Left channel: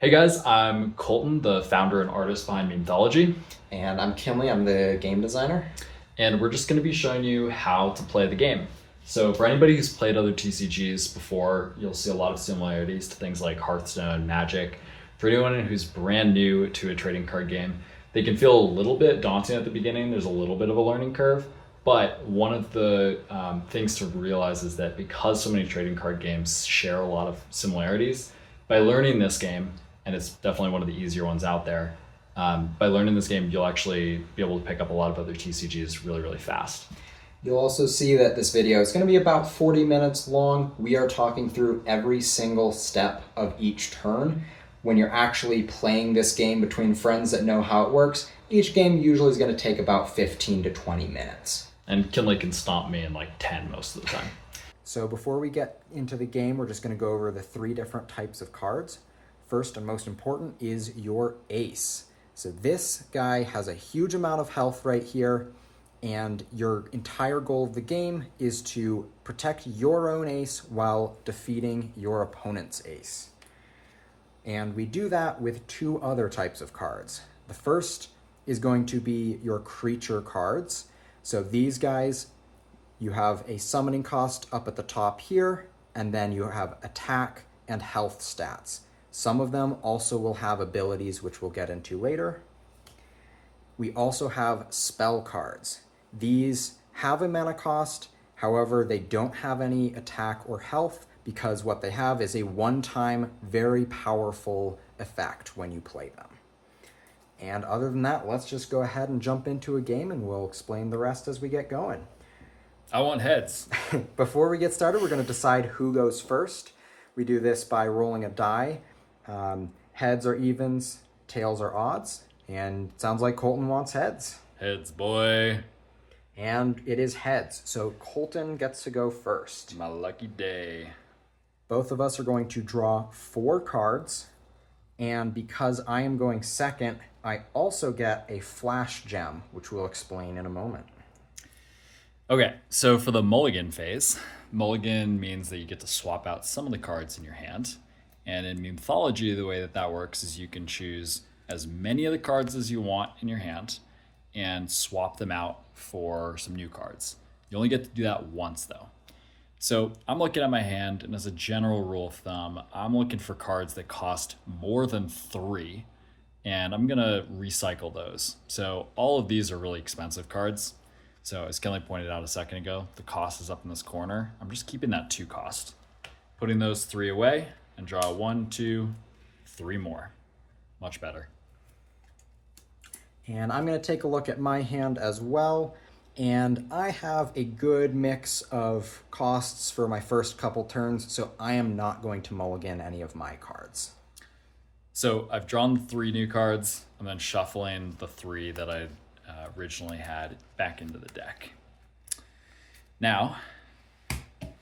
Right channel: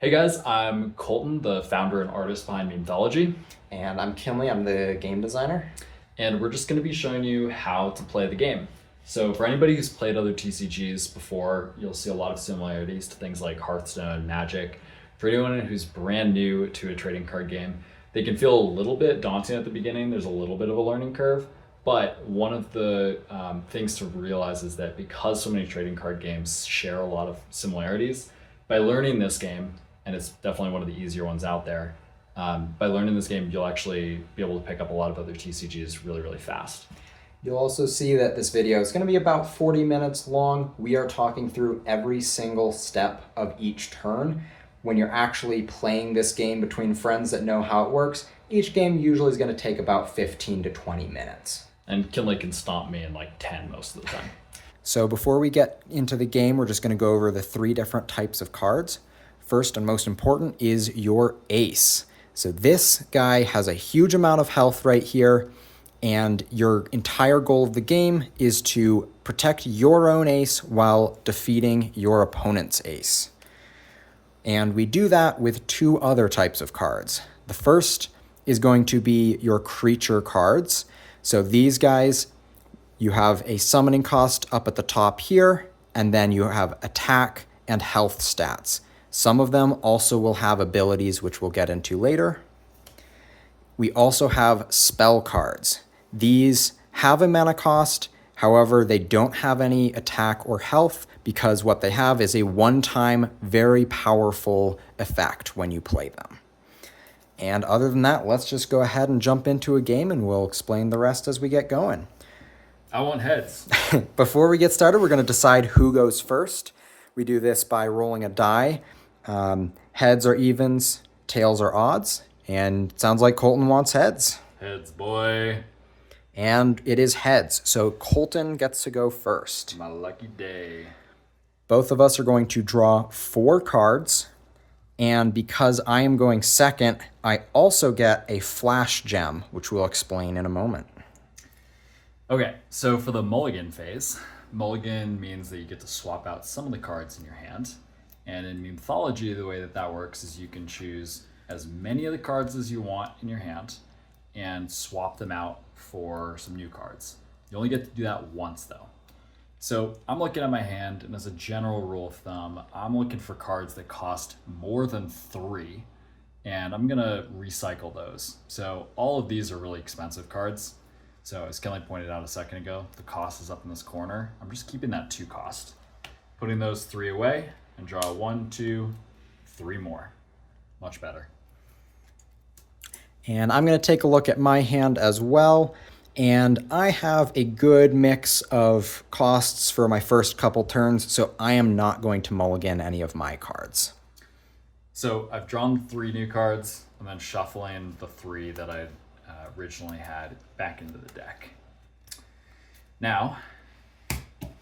Hey guys, I'm Colton, the founder and artist behind Memethology, And I'm Kinley, I'm the game designer. and we're just going to be showing you how to play the game. So, for anybody who's played other TCGs before, you'll see a lot of similarities to things like Hearthstone and Magic. For anyone who's brand new to a trading card game, they can feel a little bit daunting at the beginning. There's a little bit of a learning curve, but one of the things to realize is that because so many trading card games share a lot of similarities, by learning this game, and it's definitely one of the easier ones out there, by learning this game, you'll actually be able to pick up a lot of other TCGs really, really fast. You'll also see that this video is going to be about 40 minutes long. We are talking through every single step of each turn. When you're actually playing this game between friends that know how it works, each game usually is going to take about 15 to 20 minutes. And Kinley can stomp me in like 10 most of the time. So before we get into the game, we're just going to go over the three different types of cards. First and most important is your ace. So this guy has a huge amount of health right here, and your entire goal of the game is to protect your own ace while defeating your opponent's ace. And we do that with two other types of cards. The first is going to be your creature cards. So these guys, you have a summoning cost up at the top here, and then you have attack and health stats. Some of them also will have abilities, which we'll get into later. We also have spell cards. These have a mana cost, however, they don't have any attack or health because what they have is a one-time, very powerful effect when you play them. And other than that, let's just go ahead and jump into a game and we'll explain the rest as we get going. I want heads. Before we get started, we're going to decide who goes first. We do this by rolling a die. Heads are evens, tails are odds, and it sounds like Colton wants heads. Heads, boy. And it is heads, so Colton gets to go first. My lucky day. Both of us are going to draw 4 cards, and because I am going second, I also get a flash gem, which we'll explain in a moment. Okay, so for the mulligan phase, mulligan means that you get to swap out some of the cards in your hand. And in mythology, the way that that works is you can choose as many of the cards as you want in your hand and swap them out for some new cards. You only get to do that once though. So I'm looking at my hand, and as a general rule of thumb, I'm looking for cards that cost more than 3, and I'm gonna recycle those. So all of these are really expensive cards. So as Kelly pointed out a second ago, the cost is up in this corner. I'm just keeping that 2 cost. Putting those 3 away and draw 1, 2, 3 more. Much better. And I'm going to take a look at my hand as well. And I have a good mix of costs for my first couple turns, so I am not going to mulligan any of my cards. So I've drawn 3 new cards and then shuffling the 3 that I originally had back into the deck. Now,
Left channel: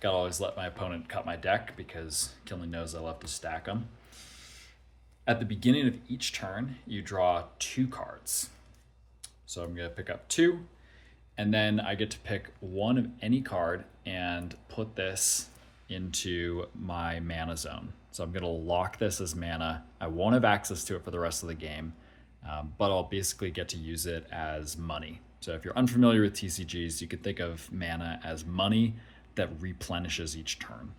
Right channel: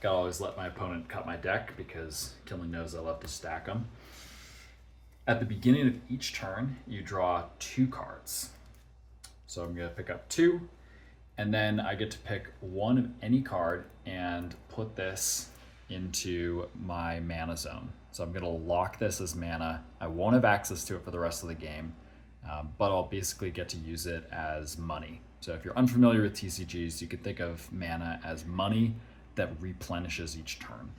gotta always let my opponent cut my deck because Kinley knows I love to stack them. At the beginning of each turn, you draw 2 cards. So I'm gonna pick up 2, and then I get to pick one of any card and put this into my mana zone. So I'm gonna lock this as mana. I won't have access to it for the rest of the game, but I'll basically get to use it as money. So if you're unfamiliar with TCGs, you could think of mana as money that replenishes each turn.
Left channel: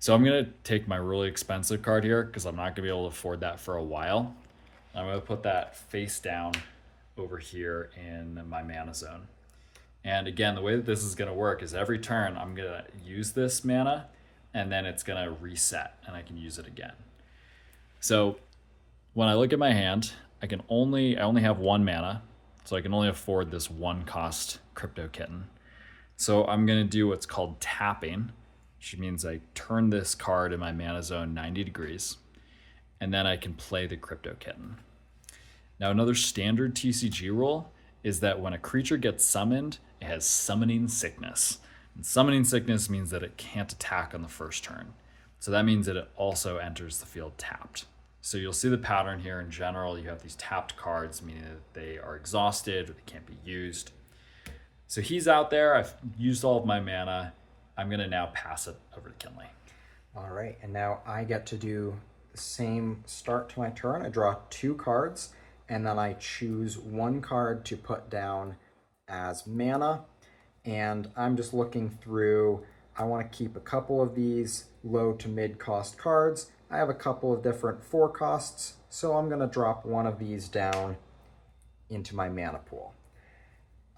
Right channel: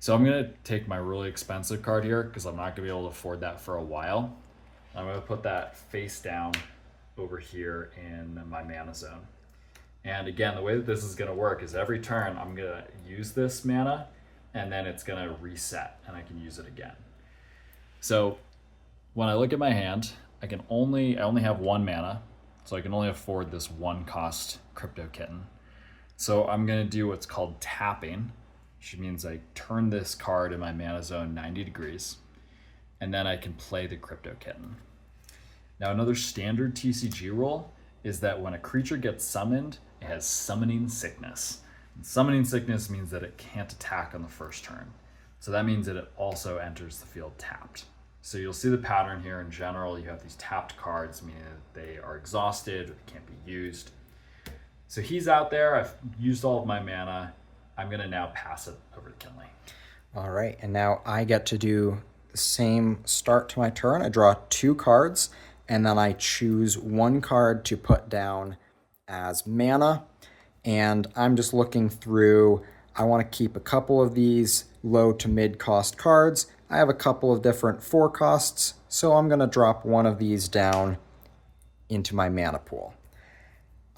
So I'm gonna take my really expensive card here because I'm not gonna be able to afford that for a while. I'm gonna put that face down over here in my mana zone. And again, the way that this is gonna work is every turn I'm gonna use this mana and then it's gonna reset and I can use it again. So when I look at my hand, I only have 1 mana, so I can only afford this 1 cost Crypto Kitten. So I'm gonna do what's called tapping, which means I turn this card in my mana zone 90 degrees, and then I can play the Crypto Kitten. Now, another standard TCG rule is that when a creature gets summoned, it has summoning sickness. And summoning sickness means that it can't attack on the first turn. So that means that it also enters the field tapped. So you'll see the pattern here in general. You have these tapped cards, meaning that they are exhausted or they can't be used. So he's out there. I've used all of my mana. I'm going to now pass it over to Kinley. All right, and now I get to do the same start to my turn. I draw 2 cards, and then I choose 1 card to put down as mana. And I'm just looking through. I want to keep a couple of these low to mid cost cards. I have a couple of different 4 costs, so I'm going to drop one of these down into my mana pool.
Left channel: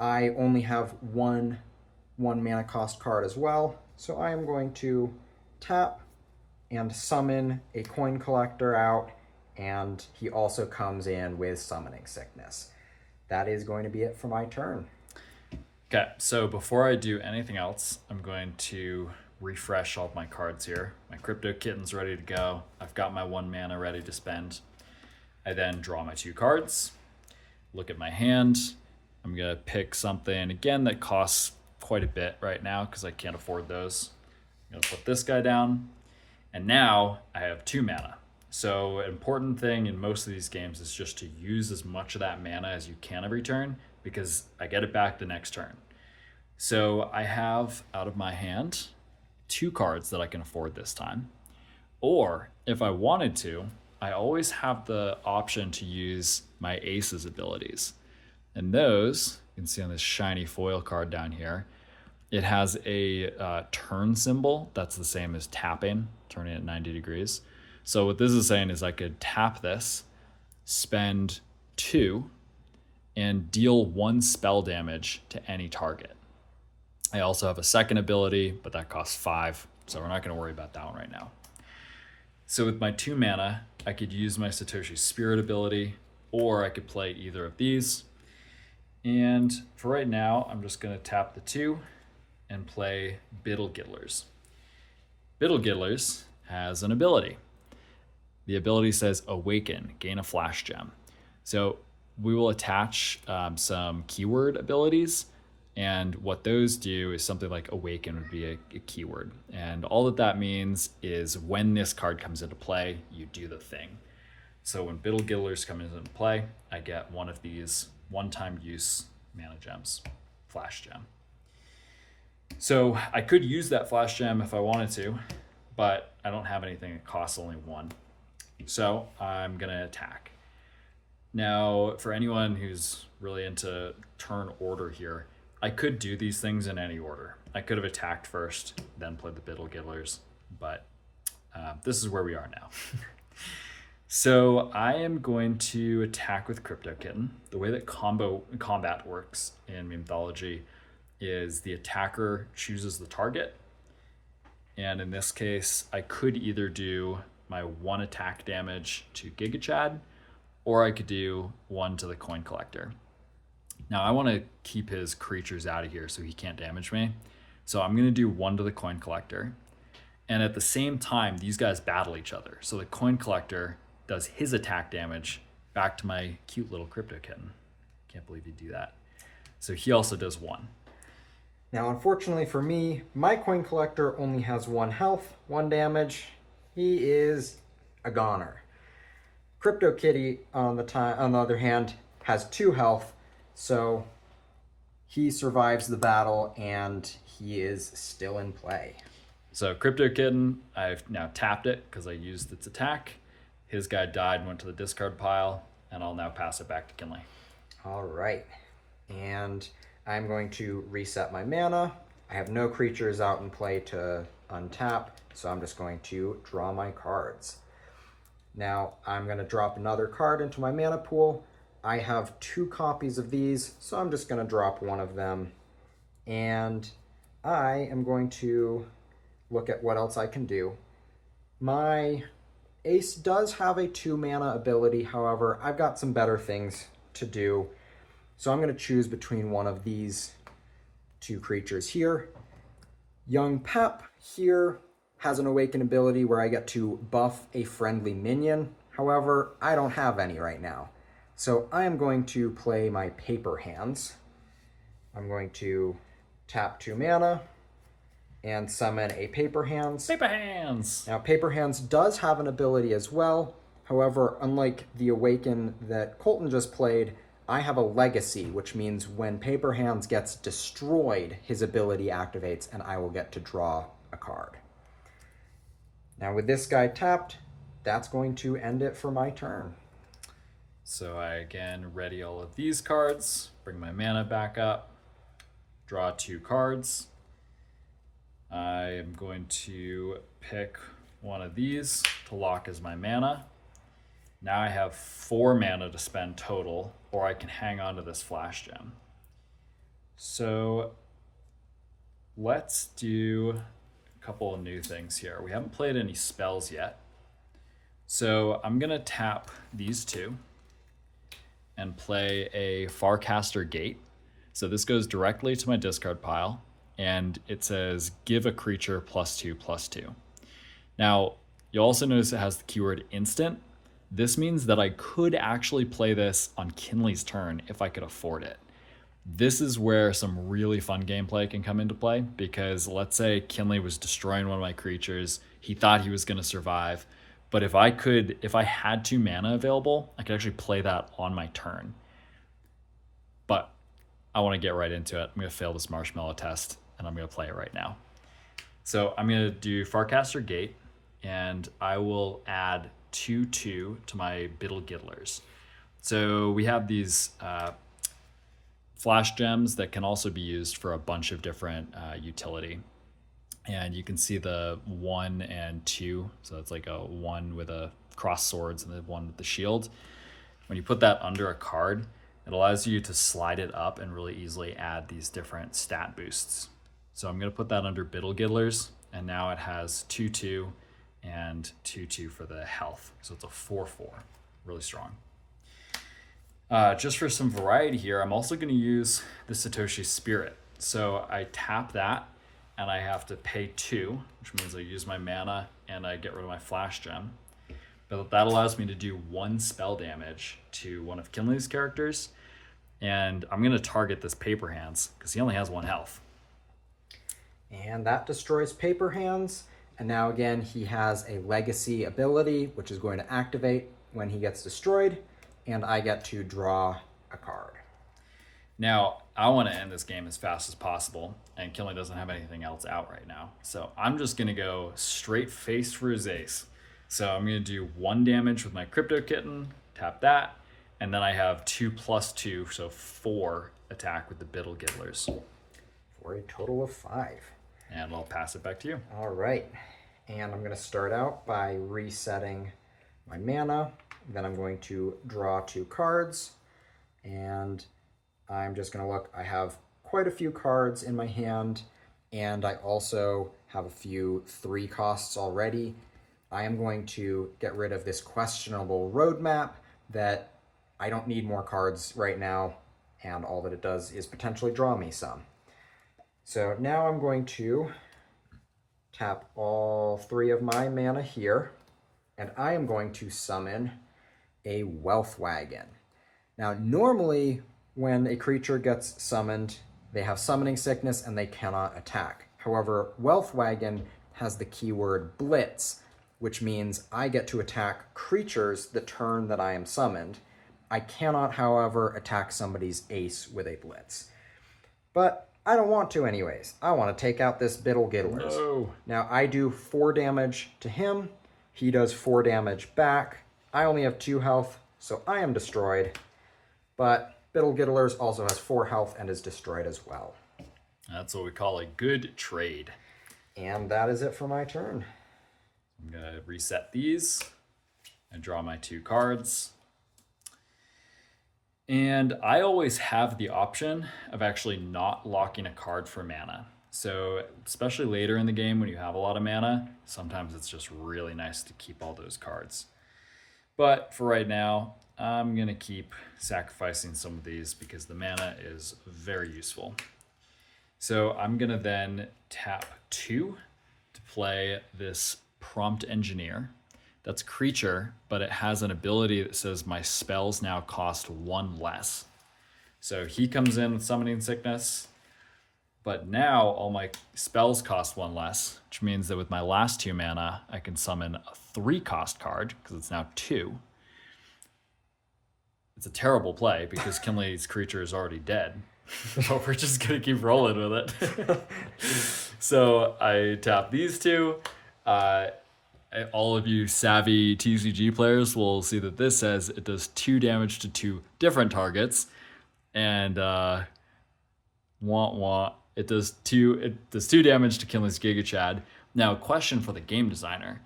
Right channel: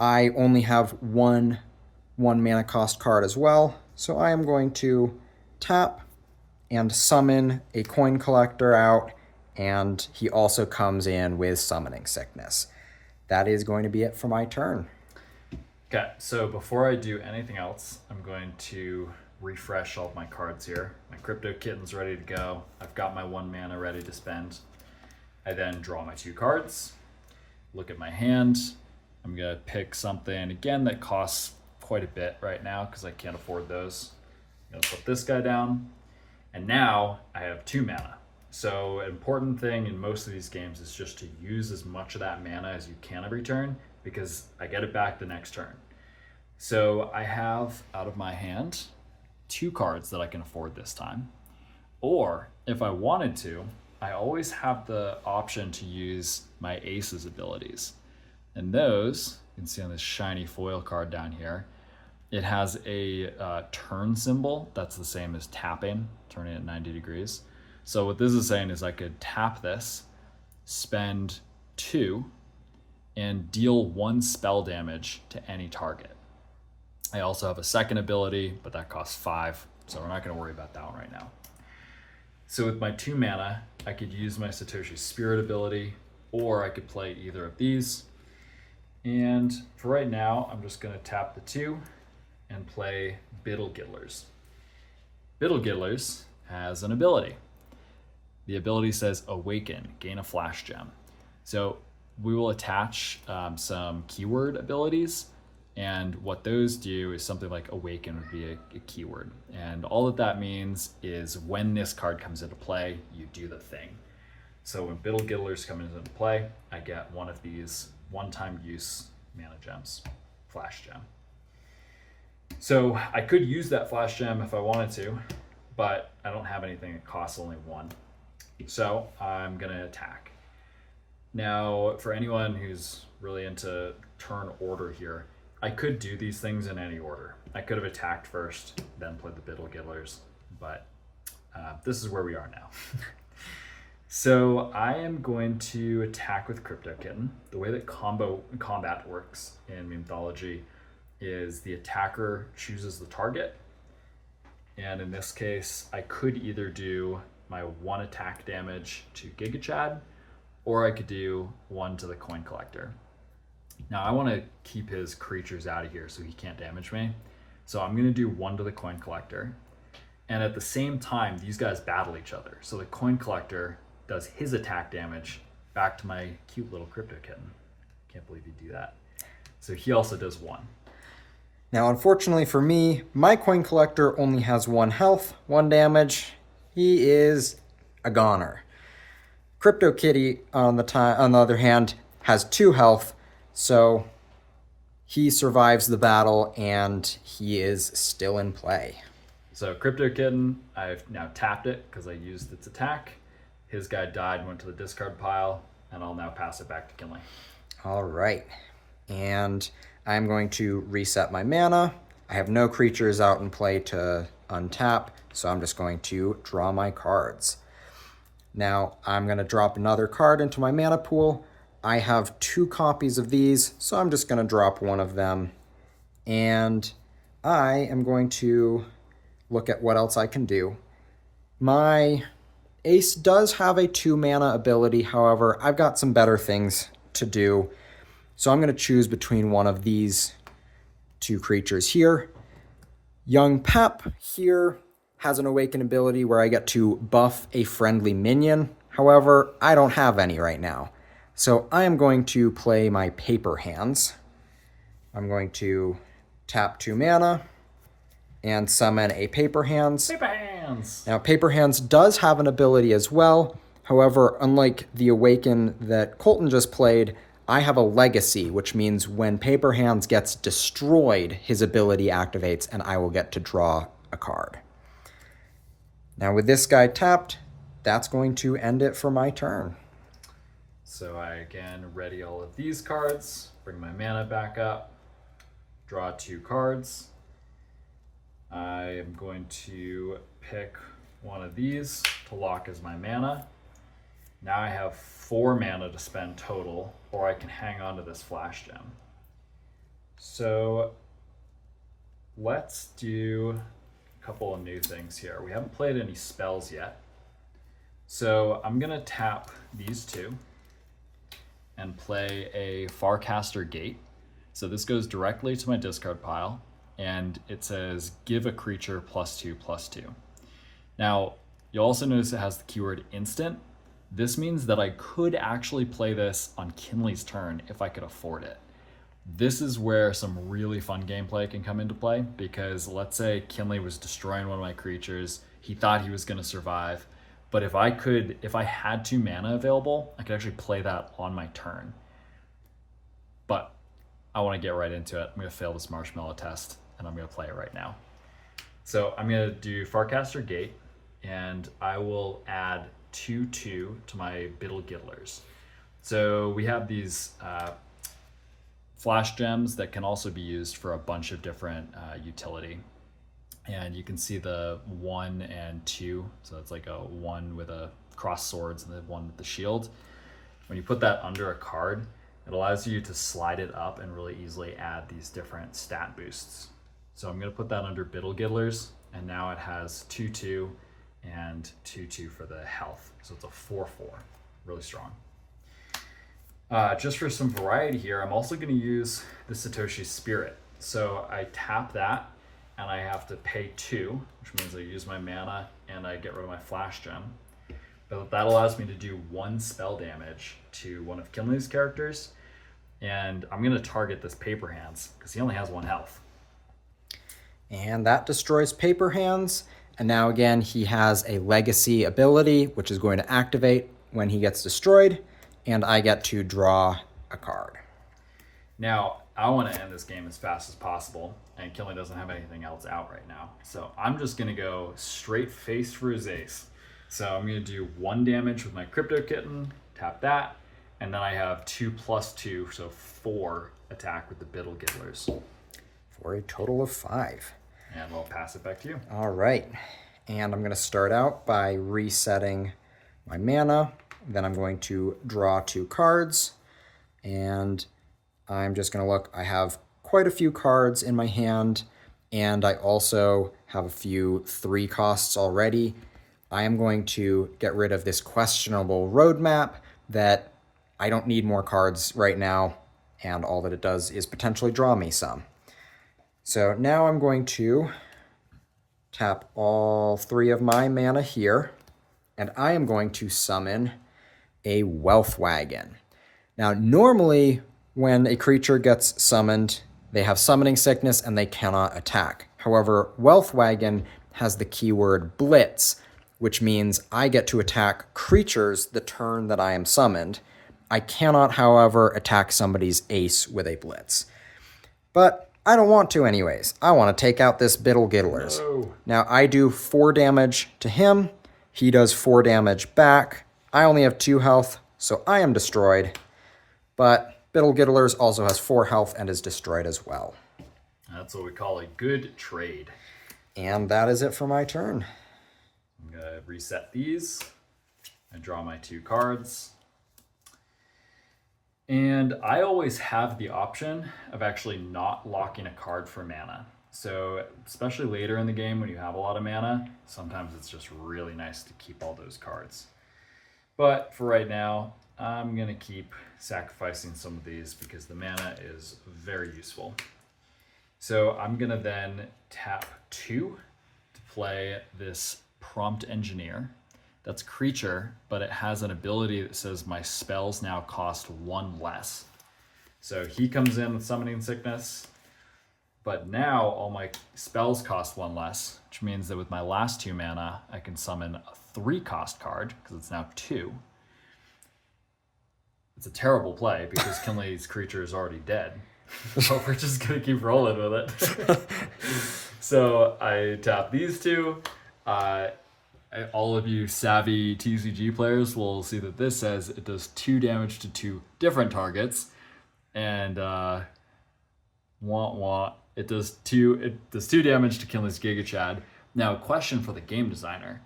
I only have one mana cost card as well, so I am going to tap and summon a coin collector out, and he also comes in with summoning sickness. That is going to be it for my turn. Okay, so before I do anything else, I'm going to refresh all of my cards here. My Crypto Kitten's ready to go. I've got my 1 mana ready to spend. I then draw my 2 cards, look at my hand. I'm gonna pick something, again, that costs quite a bit right now because I can't afford those. I'm gonna put this guy down, and now I have 2 mana. So an important thing in most of these games is just to use as much of that mana as you can every turn, because I get it back the next turn. So I have out of my hand 2 cards that I can afford this time. Or if I wanted to, I always have the option to use my Ace's abilities. And those, you can see on this shiny foil card down here, it has a turn symbol that's the same as tapping, turning it 90 degrees. So what this is saying is I could tap this, spend 2, and deal 1 spell damage to any target. I also have a second ability, but that costs 5, so we're not going to worry about that one right now. So with my 2 mana, I could use my Satoshi Spirit ability, or I could play either of these. And for right now, I'm just going to tap the 2 and play Biddle Giddlers. Biddle Giddlers has an ability. The ability says Awaken, gain a flash gem. So we will attach some keyword abilities, and what those do is something like Awaken would be a keyword. And all that means is when this card comes into play, you do the thing. So when Biddle Giddlers come into play, I get one of these one-time use mana gems, flash gem. So I could use that flash gem if I wanted to, but I don't have anything that costs only 1. So I'm gonna attack. Now, for anyone who's really into turn order here, I could do these things in any order. I could have attacked first, then played the Biddle Giddlers, but this is where we are now. So I am going to attack with Crypto Kitten. The way that combat works in Memethology is the attacker chooses the target. And in this case, I could either do my 1 attack damage to Giga Chad, or I could do 1 to the coin collector. Now I want to keep his creatures out of here so he can't damage me. So I'm going to do 1 to the coin collector. And at the same time, these guys battle each other. So the coin collector does his attack damage back to my cute little Crypto Kitten. Can't believe you do that. So he also does 1. Now, unfortunately for me, my coin collector only has 1 health, 1 damage. He is a goner. Crypto Kitty, on the other hand, has 2 health, so he survives the battle and he is still in play. So Crypto Kitten, I've now tapped it because I used its attack. His guy died and went to the discard pile, and I'll now pass it back to Kinley. All right, and I'm going to reset my mana. I have no creatures out in play to untap, so I'm just going to draw my cards. Now I'm going to drop another card into my mana pool. I have 2 copies of these, so I'm just going to drop 1 of them. And I am going to look at what else I can do. My Ace does have a 2 mana ability, however, I've got some better things to do. So I'm going to choose between one of these 2 creatures here. Young Pep here has an Awaken ability where I get to buff a friendly minion. However, I don't have any right now. So I am going to play my Paper Hands. I'm going to tap 2 mana and summon a Paper Hands. Paper Hands! Now, Paper Hands does have an ability as well. However, unlike the Awaken that Colton just played, I have a Legacy, which means when Paper Hands gets destroyed, his ability activates and I will get to draw a card. Now with this guy tapped, that's going to end it for my turn. So I again ready all of these cards, bring my mana back up, draw 2 cards. I am going to pick one of these to lock as my mana. Now I have 4 mana to spend total, or I can hang on to this flash gem. So let's do a couple of new things here. We haven't played any spells yet. So I'm gonna tap these 2 and play a Farcaster Gate. So this goes directly to my discard pile, and it says give a creature +2/+2. Now, you'll also notice it has the keyword instant. This means that I could actually play this on Kinley's turn if I could afford it. This is where some really fun gameplay can come into play, because let's say Kinley was destroying one of my creatures, he thought he was going to survive, but if I had 2 mana available, I could actually play that on my turn. But I want to get right into it. I'm going to fail this marshmallow test, and I'm going to play it right now. So I'm going to do Farcaster Gate, and I will add 2/2 to my Biddle Giddlers. So we have these flash gems that can also be used for a bunch of different utility. And you can see the 1 and 2. So it's like a 1 with a cross swords and the 1 with the shield. When you put that under a card, it allows you to slide it up and really easily add these different stat boosts. So I'm going to put that under Biddle Giddlers, and now it has 2/2 and 2/2 for the health. So it's a 4/4, really strong. Just for some variety here, I'm also going to use the Satoshi Spirit. So I tap that, and I have to pay 2, which means I use my mana and I get rid of my flash gem. But that allows me to do 1 spell damage to one of Kinley's characters. And I'm going to target this Paper Hands because he only has 1 health. And that destroys Paper Hands. And now again, he has a legacy ability, which is going to activate when he gets destroyed. And I get to draw a card. Now, I want to end this game as fast as possible, and Kinley doesn't have anything else out right now. So I'm just going to go straight face for his ace. So I'm going to do 1 damage with my Crypto Kitten, tap that, and then I have 2/2, so 4 attack with the Biddle Giddlers. For a total of 5. And I'll pass it back to you. All right. And I'm going to start out by resetting my mana. Then I'm going to draw 2 cards. And I'm just going to look. I have quite a few cards in my hand. And I also have a few 3 costs already. I am going to get rid of this questionable roadmap that I don't need more cards right now. And all that it does is potentially draw me some. So now I'm going to tap all 3 of my mana here, and I am going to summon a Wealth Wagon. Now, normally when a creature gets summoned, they have summoning sickness and they cannot attack. However, Wealth Wagon has the keyword Blitz, which means I get to attack creatures the turn that I am summoned. I cannot, however, attack somebody's ace with a Blitz. But I don't want to anyways. I want to take out this Biddle Giddlers. No. Now I do 4 damage to him. He does 4 damage back. I only have 2 health, so I am destroyed. But Biddle Giddlers also has 4 health and is destroyed as well. That's what we call a good trade. And that is it for my turn. I'm going to reset these and draw my 2 cards. And I always have the option of actually not locking a card for mana. So especially later in the game when you have a lot of mana, sometimes it's just really nice to keep all those cards. But for right now, I'm going to keep sacrificing some of these because the mana is very useful. So I'm going to then tap 2 to play this Prompt Engineer. That's creature, but it has an ability that says my spells now cost 1 less. So he comes in with Summoning Sickness, but now all my spells cost 1 less, which means that with my last 2 mana, I can summon a 3 cost card, because it's now 2. It's a terrible play, because Kinley's creature is already dead. So we're just going to keep rolling with it. So I tap these 2, all of you savvy TCG players will see that this says it does 2 damage to 2 different targets, and it does 2 damage to Kinley's Giga Chad. Now, question for the game designer:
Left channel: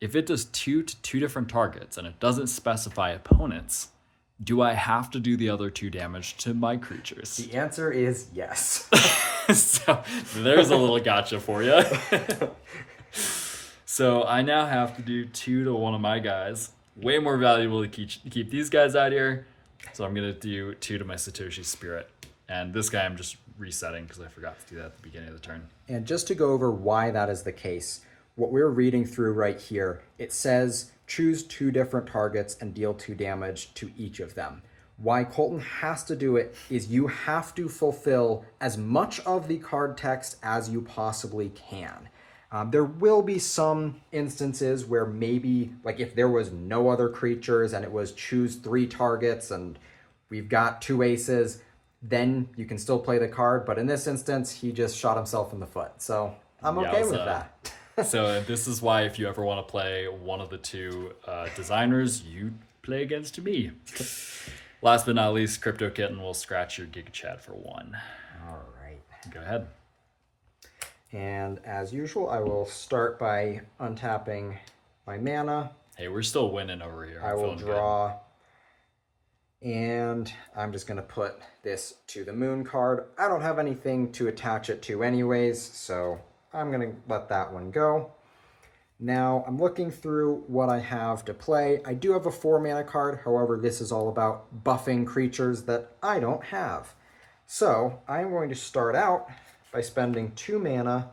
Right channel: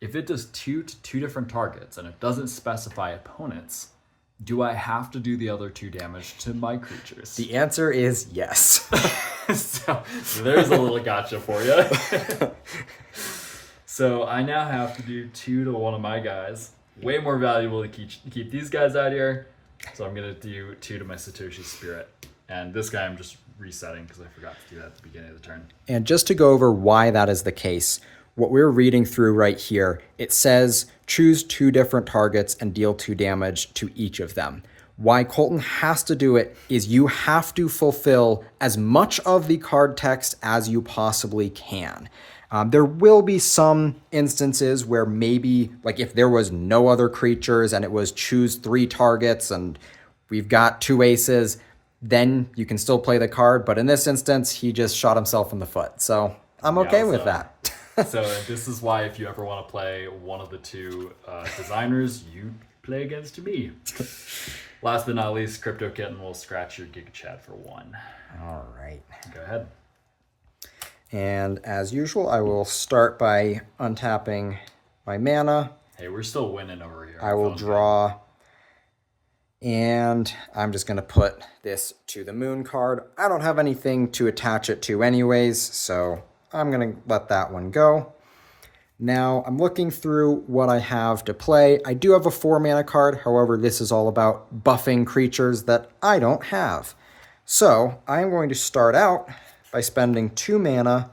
if it does 2 to 2 different targets and it doesn't specify opponents, do I have to do the other 2 damage to my creatures? The answer is yes. so there's a little gotcha for you. So I now have to do 2 to one of my guys. Way more valuable to keep these guys out here. So I'm going to do 2 to my Satoshi Spirit. And this guy I'm just resetting because I forgot to do that at the beginning of the turn. And just to go over why that is the case, what we're reading through right here, it says choose 2 different targets and deal 2 damage to each of them. Why Colton has to do it is you have to fulfill as much of the card text as you possibly can. There will be some instances where maybe, like if there was no other creatures and it was choose 3 targets and we've got 2 aces, then you can still play the card. But in this instance, he just shot himself in the foot. So I'm okay with that. So this is why if you ever want to play one of the 2 designers, you play against me. Last but not least, Crypto Kitten will scratch your Giga Chad for 1. All right. Go ahead. And as usual, I will start by untapping my mana. Hey, we're still winning over here. I will draw. And I'm just going to put this to the moon card. I don't have anything to attach it to anyways, so I'm going to let that one go. Now, I'm looking through what I have to play. I do have a 4 mana card. However, this is all about buffing creatures that I don't have. So I'm going to start out by spending 2 mana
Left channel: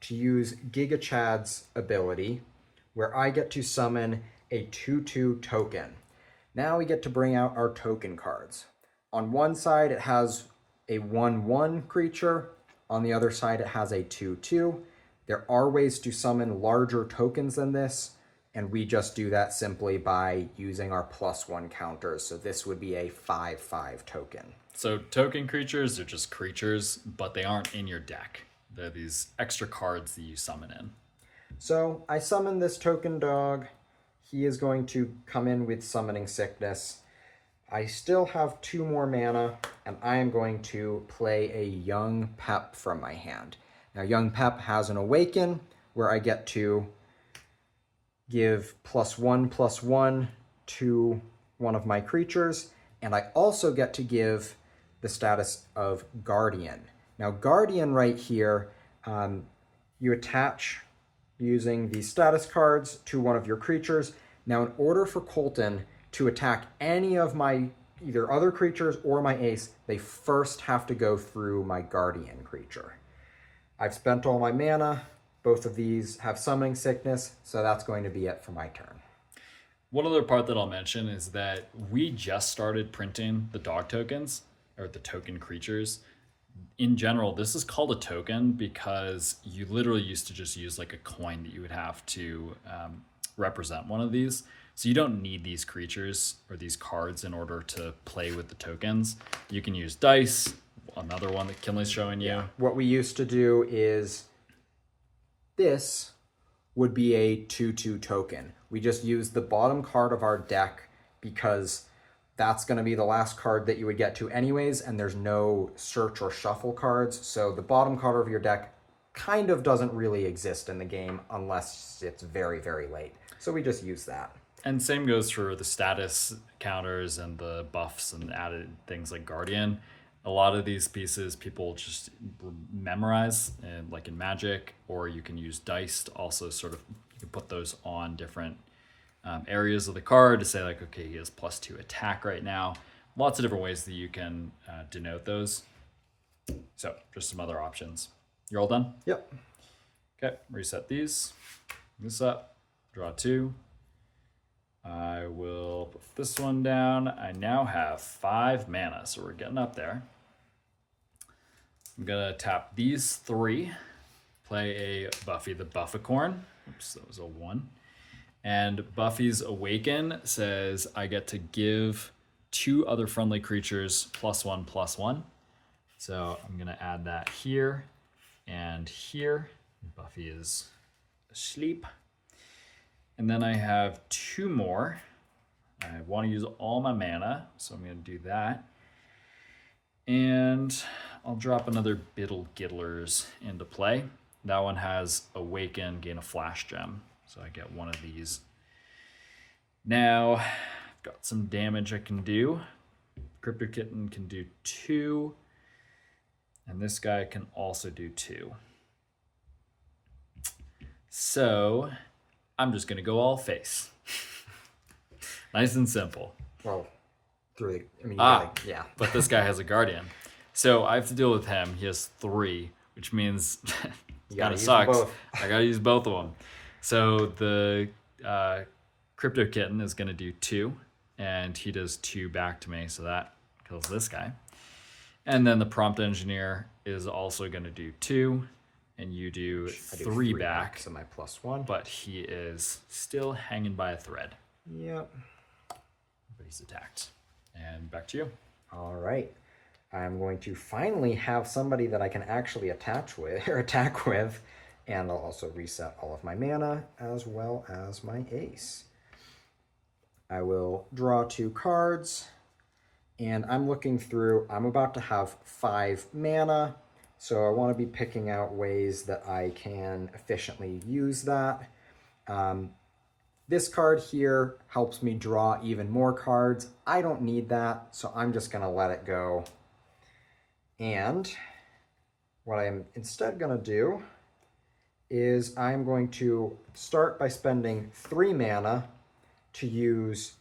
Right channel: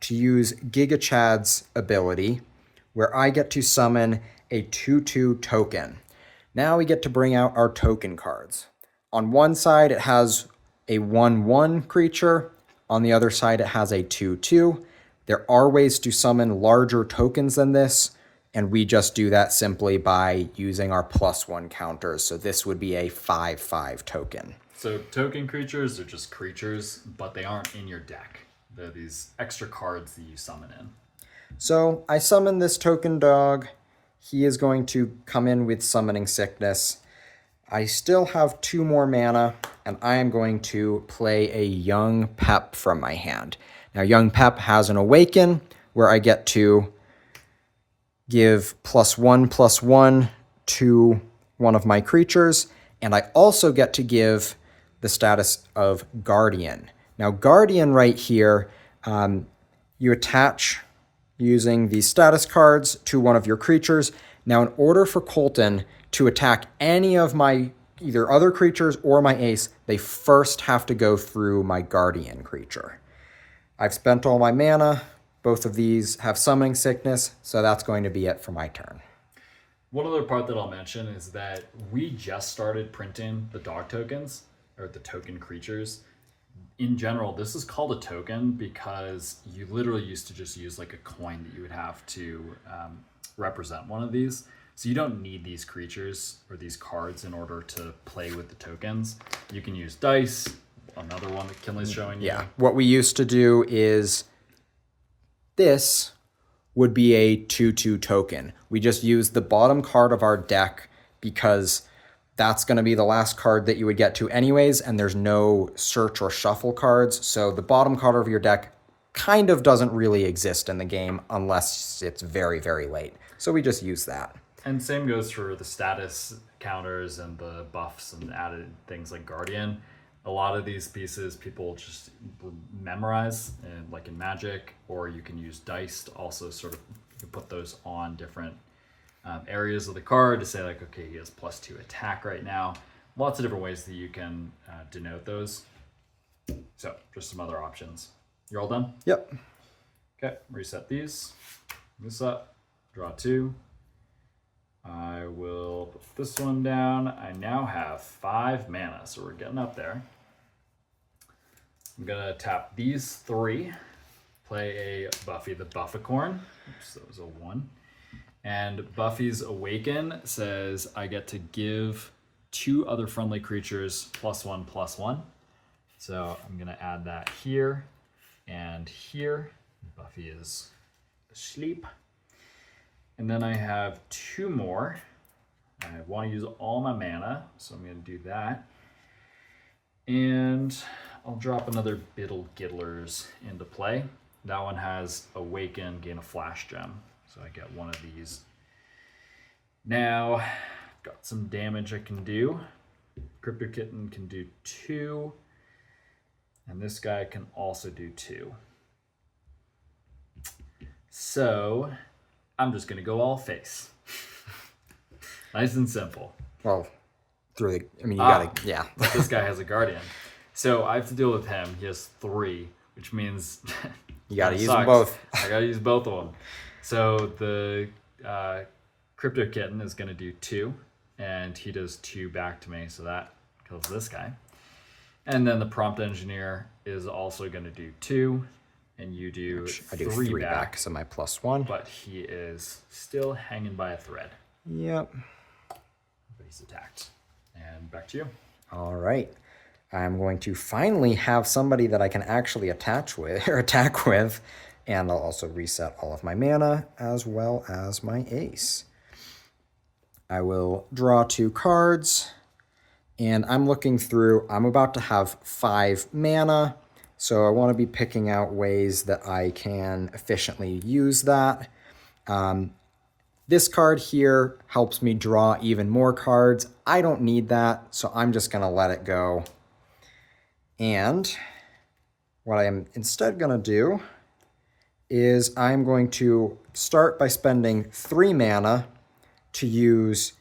to use Giga Chad's ability, where I get to summon a 2/2 token. Now we get to bring out our token cards. On one side, it has a 1/1 creature. On the other side, it has a 2/2. There are ways to summon larger tokens than this, and we just do that simply by using our +1 counters. So this would be a 5/5 token. So token creatures are just creatures, but they aren't in your deck. They're these extra cards that you summon in. So I summon this token dog. He is going to come in with Summoning Sickness. I still have 2 more mana, and I am going to play a Young Pep from my hand. Now, Young Pep has an Awaken, where I get to give +1/+1 to one of my creatures, and I also get to give the status of Guardian. Now, Guardian right here, you attach using these status cards to one of your creatures. Now, in order for Colton to attack any of my either other creatures or my ace, they first have to go through my Guardian creature. I've spent all my mana. Both of these have Summoning Sickness, so that's going to be it for my turn. One other part that I'll mention is that we just started printing the dog tokens, or the token creatures. In general, this is called a token because you literally used to just use like a coin that you would have to represent one of these. So you don't need these creatures or these cards in order to play with the tokens. You can use dice, another one that Kinley's showing you. Yeah. What we used to do is this would be a 2/2 token. We just use the bottom card of our deck because that's going to be the last card that you would get to anyways, and there's no search or shuffle cards. So the bottom card of your deck kind of doesn't really exist in the game unless it's very, very late. So we just use that. And same goes for the status counters and the buffs and added things like Guardian. A lot of these pieces people just memorize, like in Magic, or you can use dice to also sort of, you can put those on different areas of the card to say like, okay, he has +2 attack right now. Lots of different ways that you can denote those. So just some other options. You're all done? Yep. Okay, reset these. This up, draw 2. I will put this one down. I now have 5 mana, so we're getting up there. I'm gonna tap these 3, play a Buffy the Bufficorn. Oops, that was a 1. And Buffy's Awaken says I get to give 2 other friendly creatures +1/+1. So I'm gonna add that here and here. Buffy is asleep. And then I have 2 more. I want to use all my mana, so I'm going to do that. And I'll drop another Biddle Giddlers into play. That one has Awaken, gain a Flash Gem. So I get one of these. Now, I've got some damage I can do. Crypto Kitten can do 2. And this guy can also do 2. So, I'm just going to go all face. Nice and simple. Well, you gotta, yeah. But this guy has a Guardian. So I have to deal with him. He has 3, which means you gotta use them both. I gotta use both of them. So the Crypto Kitten is gonna do 2, and he does 2 back to me, so that kills this guy. And then the Prompt Engineer is also gonna do 2, and you do, I do 3 back, so my +1. But he is still hanging by a thread. Yep. But he's attacked. And back to you. All right. I'm going to finally have somebody that I can actually attack with, and I'll also reset all of my mana as well as my ace. I will draw 2 cards, and I'm looking through. I'm about to have 5 mana, so I want to be picking out ways that I can efficiently use that. This card here helps me draw even more cards. I don't need that, so I'm just going to let it go. And what I'm instead going to do is I'm going to start by spending 3 mana to use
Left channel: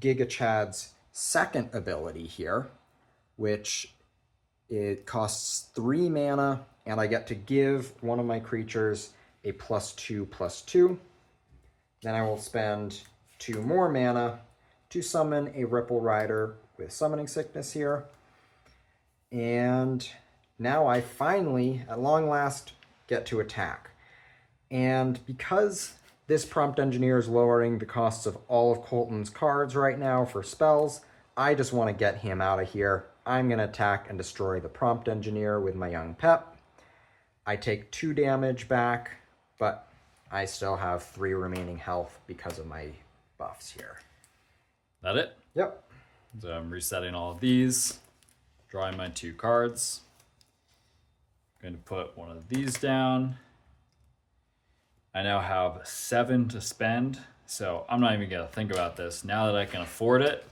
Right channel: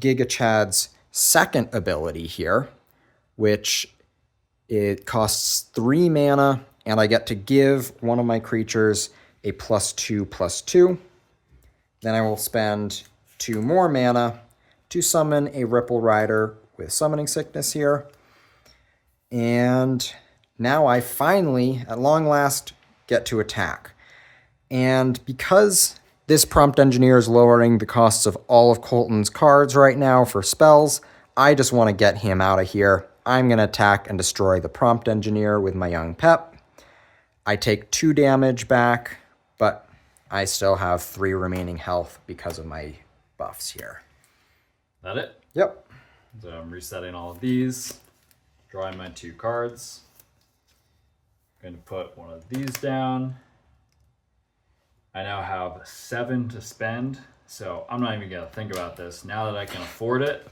Giga Chad's second ability here, which it costs 3 mana, and I get to give one of my creatures a +2/+2. Then I will spend 2 more mana to summon a Ripple Rider with Summoning Sickness here. And now I finally, at long last, get to attack. And because this Prompt Engineer is lowering the costs of all of Colton's cards right now for spells, I just want to get him out of here. I'm going to attack and destroy the Prompt Engineer with my Young Pep. I take 2 damage back, but I still have 3 remaining health because of my buffs here. That it? Yep. So I'm resetting all of these, drawing my 2 cards. I'm going to put one of these down. I now have 7 to spend, so I'm not even going to think about this. Now that I can afford it,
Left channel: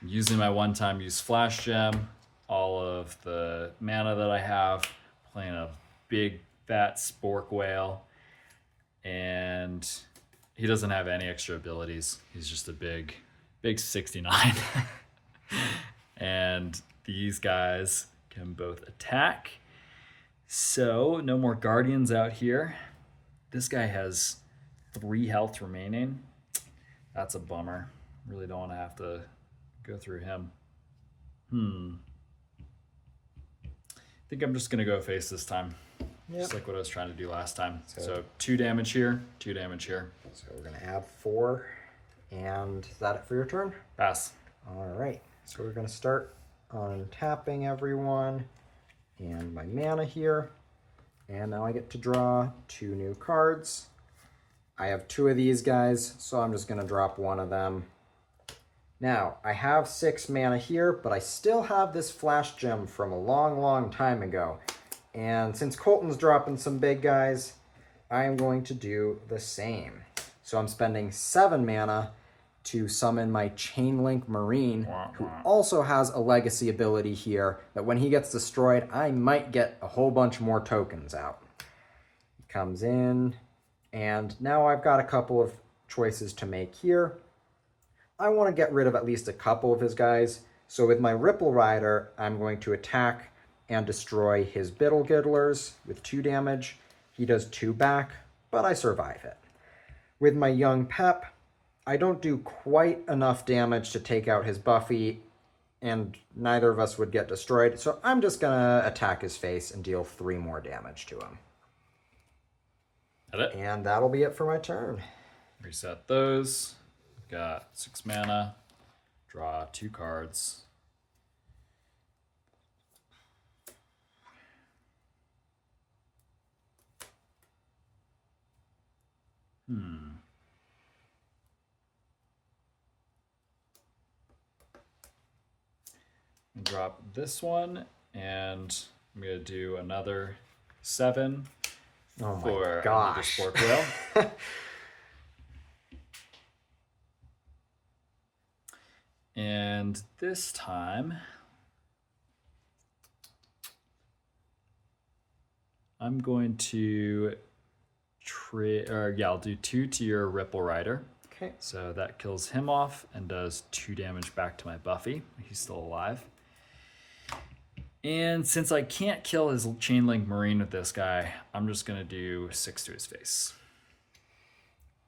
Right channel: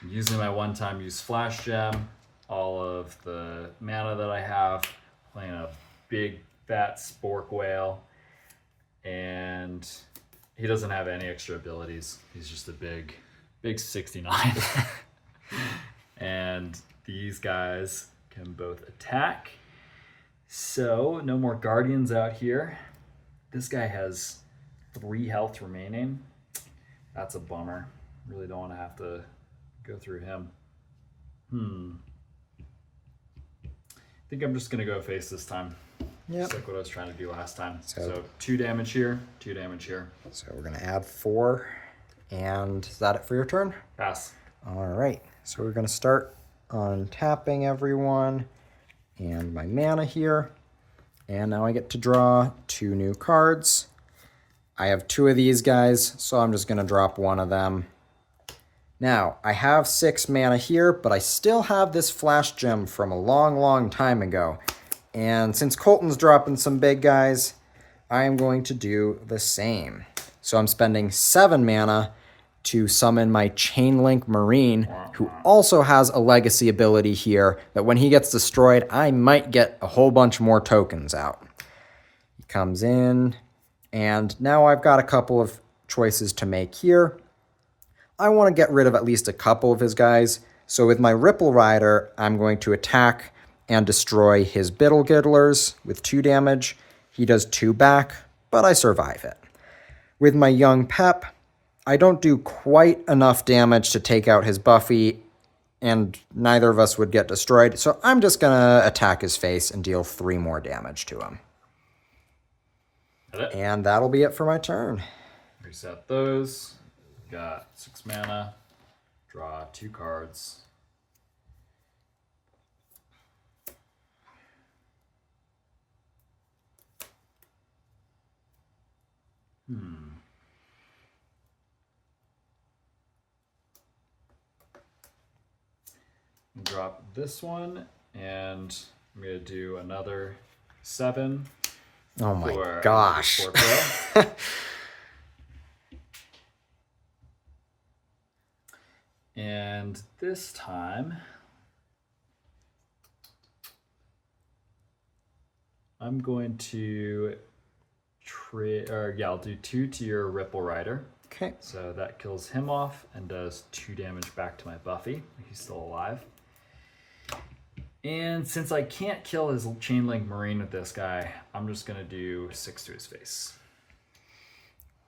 I'm using my one-time use Flash Gem, all of the mana that I have, playing a big fat Spork Whale. And he doesn't have any extra abilities. He's just a big 69. And these guys can both attack. So no more Guardians out here. This guy has 3 health remaining. That's a bummer. Really don't want to have to go through him. I think I'm just going to go face this time. Yep. Just like what I was trying to do last time. So 2 damage here, 2 damage here. So we're going to add 4. And is that it for your turn? Pass. All right. So we're going to start untapping everyone and my mana here. And now I get to draw 2 new cards. I have 2 of these guys, so I'm just going to drop 1 of them. Now, I have 6 mana here, but I still have this Flash Gem from a long, long time ago. And since Colton's dropping some big guys, I'm going to do the same. So I'm spending 7 mana to summon my Chainlink Marine, who also has a legacy ability here that when he gets destroyed, I might get a whole bunch more tokens out. He comes in, and now I've got a couple of choices to make here. I want to get rid of at least a couple of his guys. So with my Ripple Rider, I'm going to attack and destroy his Biddle Giddlers with 2 damage. He does 2 back, but I survive it. With my Young Pep, I don't do quite enough damage to take out his Buffy, and neither of us would get destroyed, so I'm just going to attack his face and deal 3 more damage to him. And that'll be it for my turn. Reset those. Got 6 mana. Draw 2 cards. drop this one, and I'm going to do another 7. Oh my for gosh. another Sport Whale. And this time, I'm going to I'll do 2 to your Ripple Rider. Okay. So that kills him off and does 2 damage back to my Buffy. He's still alive. And since I can't kill his Chain Link Marine with this guy, I'm just going to do 6 to his face.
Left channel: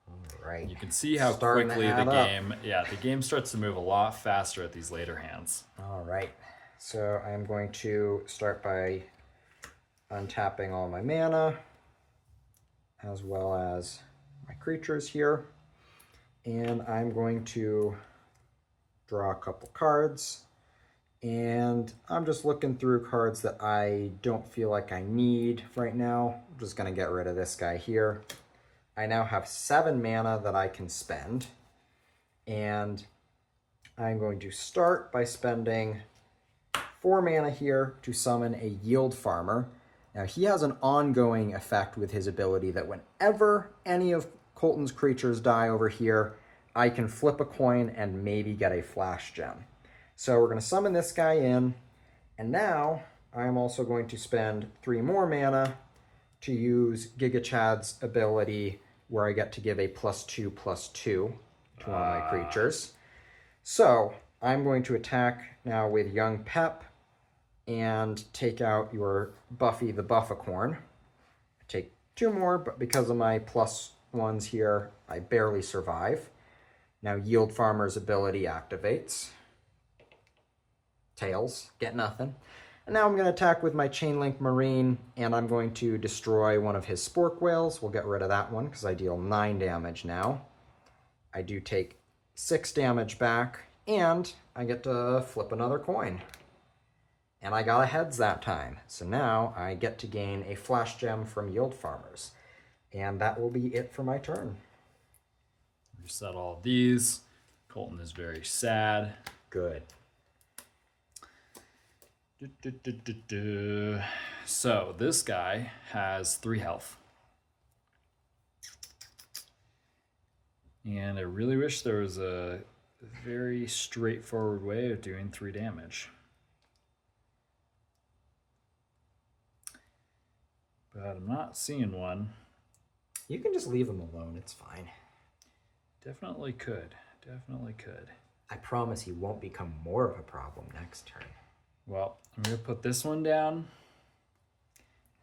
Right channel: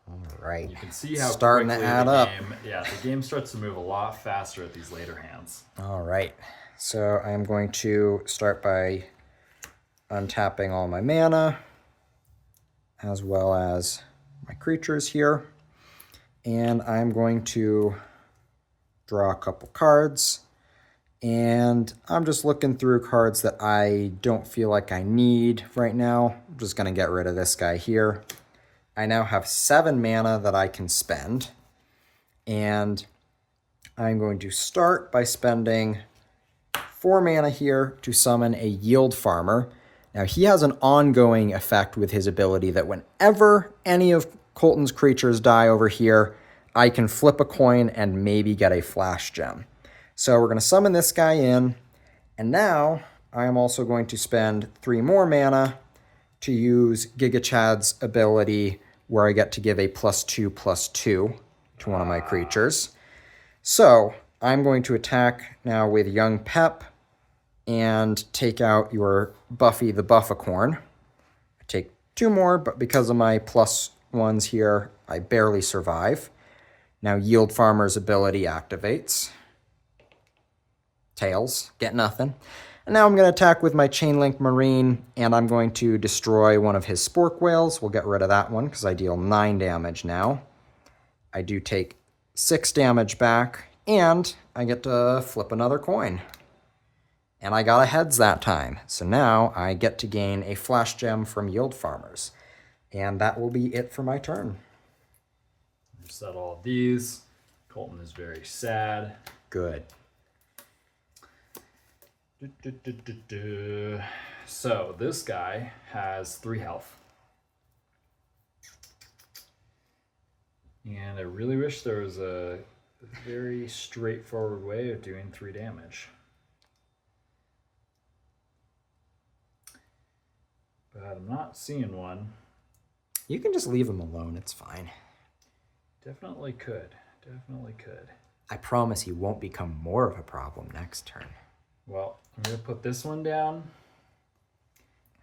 All right. You can see how Starting quickly to add the up. game starts to move a lot faster at these later hands. All right. So I'm going to start by untapping all my mana, as well as my creatures here. And I'm going to draw a couple cards. And I'm just looking through cards that I don't feel like I need right now. I'm just going to get rid of this guy here. I now have 7 mana that I can spend. And I'm going to start by spending 4 mana here to summon a Yield Farmer. Now, he has an ongoing effect with his ability that whenever any of Colton's creatures die over here, I can flip a coin and maybe get a flash gem. So we're going to summon this guy in, and now I'm also going to spend 3 more mana to use Giga Chad's ability where I get to give a +2/+2 to one of my creatures. So I'm going to attack now with Young Pep and take out your Buffy the Buffacorn. I take 2 more, but because of my +1s here, I barely survive. Now Yield Farmer's ability activates. Tails, get nothing. And now I'm going to attack with my Chain Link Marine, and I'm going to destroy one of his Spork Whales. We'll get rid of that one because I deal 9 damage now. I do take 6 damage back, and I get to flip another coin. And I got a heads that time. So now I get to gain a flash gem from Yield Farmers. And that will be it for my turn. Reset all of these. Colton is very sad. Good. So this guy has 3 health. And I really wish there was a very straightforward way of doing 3 damage. But I'm not seeing one. You can just leave him alone. It's fine. Definitely could. Definitely could. I promise he won't become more of a problem next turn. Well, I'm going to put this one down.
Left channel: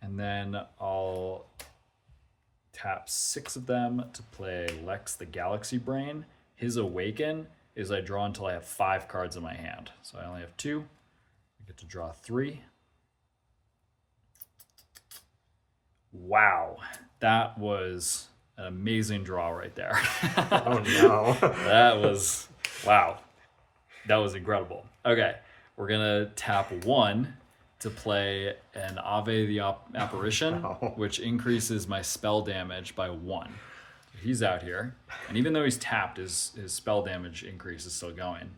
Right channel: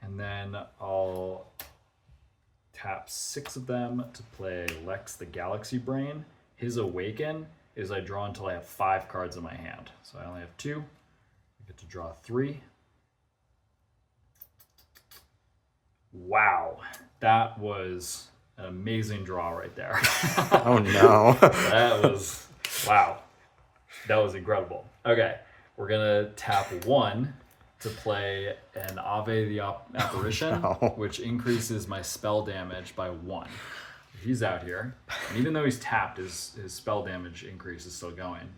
And then I'll tap 6 of them to play Lex the Galaxy Brain. His Awaken is I draw until I have 5 cards in my hand. So I only have 2. I get to draw 3. Wow, that was an amazing draw right there. Oh no. That was, wow, that was incredible. Okay, we're gonna tap 1 to play an Ave the Apparition, which increases my spell damage by 1. He's out here, and even though he's tapped, his spell damage increase is still going.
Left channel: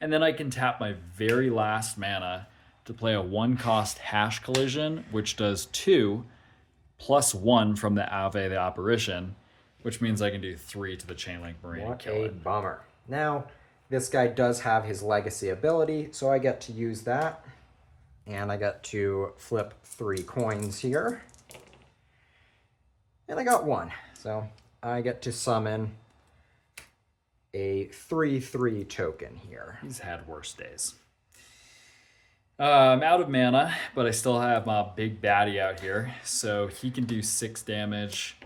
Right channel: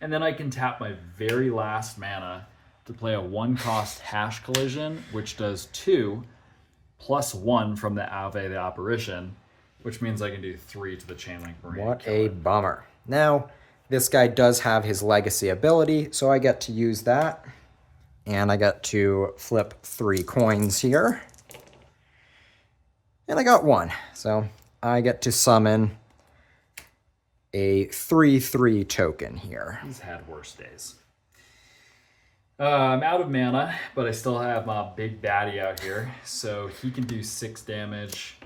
And then I can tap my very last mana to play a 1-cost Hash Collision, which does 2 +1 from the Ave the Apparition, which means I can do 3 to the Chain Link Marine. What a bummer. Now, this guy does have his legacy ability, so I get to use that. And I get to flip 3 coins here. And I got 1. So I get to summon a 3/3 token here. He's had worse days. I'm out of mana, but I still have my big baddie out here. So he can do 6 damage.